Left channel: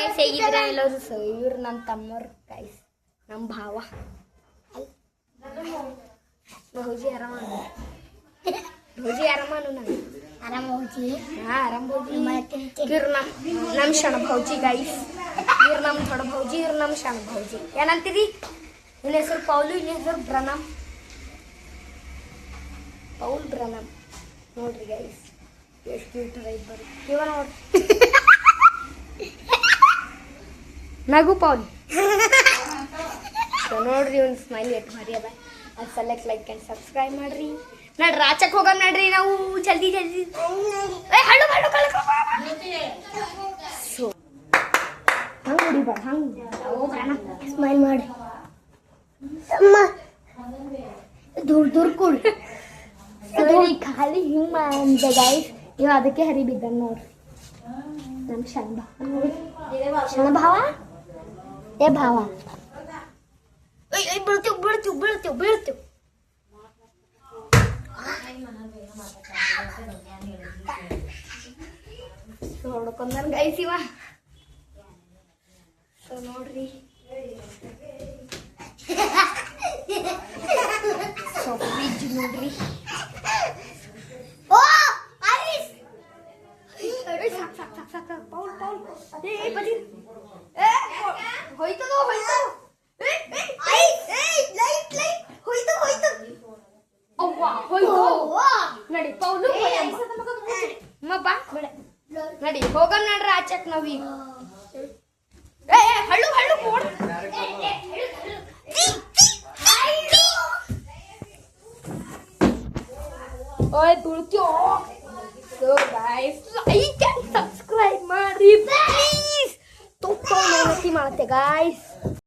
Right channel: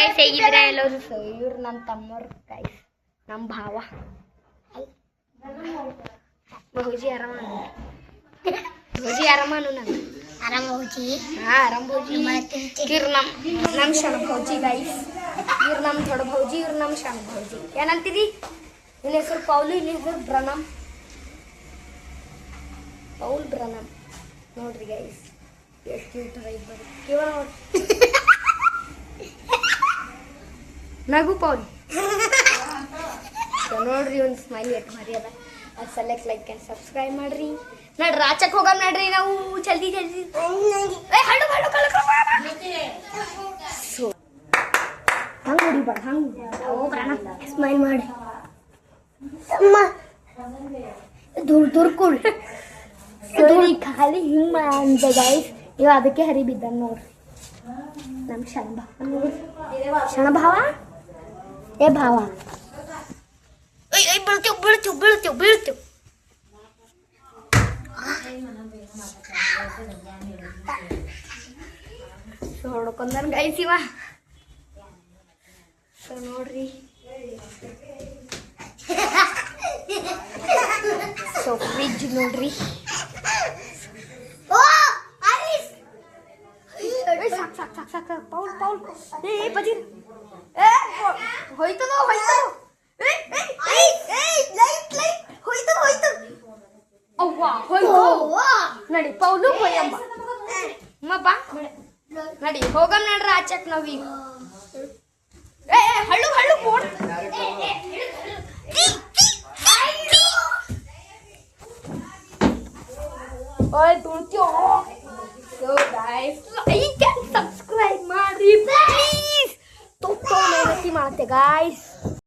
guys ಹೇಗಿದ್ರೆ ಎಲ್ಲರೂ ಇವ್ರು ನನ್ನ ತಮ್ಮವ್ರು ಗೈಸ್ ನಮ್ಮ ಭಾವ ಭೌಜಿ ಆರಾಮಾನು ಭೌಜಿ ಆರಾಮಾನು ನಾನು ಆರಾಮ ಹೋಗಿ ಆರಾಮ್ ಭೌಜಿ ಇವ್ರು ನಮ್ಮ ಶಣ ಭೌಜಿ ಗೈಸ್ ಇವ್ರು ನಮ್ಮ ದೊಡ್ಡ ಭೌಜಿ ಇವ್ರು ನಮ್ಮ ಶಣ ಭೌಜಿ ಏನಂತೀರಿ ನಿನ್ನ ಹೆಸರು ಪೌಲು ನಿನ್ನ ಹೆಸರು ಬ್ರನಮ್ ಪೌಲ್ ಬ್ರನಮ್ ನೋಡ್ರಿ ಗೈಸ್ ಎಷ್ಟು ಕ್ಯೂಟ್ ಇಬ್ಬರು ಇವ ನೋಡಿ ನಗು ಪೌಲ್ ನೋಡ್ರಿ ಒಂದು ಸ್ಮೈಲ್ ಎಷ್ಟು ಭಾರಿ ಅದ ಅದು ಸೆಲೆಕ್ಟ್ ಲೈಕ್ ಆ್ಯಂಡ್ ಸಬ್ಸ್ಕ್ರೈಬ್ ಮಾಡ್ರಿ ನಡ್ರಿ ರಾಚಕ್ಕೆ ಹೋಗಮ್ ನಡ್ರಿ ನಾವು ಜಲ್ದಿ ಜಲ್ದಿ ಸೊ ಹಂಗೆ ಹೊಡಿಬೇಡ ಹಂಗೆ ಸ್ಮೈಲ್ ಮಾಡಿ ಅಮ್ಮ ದೂರ ದೂರ ಕೂಡ್ ಸರಿ ಖಾಲಿ ಹಿಂಗೆ ಅಂತ ಗೈಸ್ ಇವ ಅದಕ್ಕೆ ಹರಿ ಬಿದ್ದ ನೋಡ್ರಿ ನಮ್ಮ ಶಣ ಭಾವ ಏ ಭಾವ ಬೀಳ್ತೀವ್ ಬೀಳ್ತೀವ್ ಬೀಳ್ತೀವ್ ಬೀಳ್ತೀವ್ ನೋಡ್ಕೊಂಡ್ರ ಗೈಸ್ ಇವ ಸೊ ನೋಡ್ರಿ ಸೊ ಫ್ರಿಜ್ ನೋಡ್ರಿ ಪೌಲ್ ಪೌಲ್ ಏ ಬದಿರ್ ಹೋಯ್ತು ಹೋಯ್ತು ನಡಿ ಪೌಲು ಬಾ ನಡಿ ಹೋಗಮ್ ನಡ್ರಿ ಆಚಕ್ ನಾವೀಗ ಹಳ್ಳು ಹಳ್ಳು ಫೋನ್ ಓಯ್ ತುಳ್ತ್ಯೋ so guys like and subscribe ಮಾಡ್ರಿ ಪ್ಲೀಸ್ ತುಂಬ ಮೆಹನತಿ ಮಾಡತ್ತೆ ಗಾಯ್ಸ್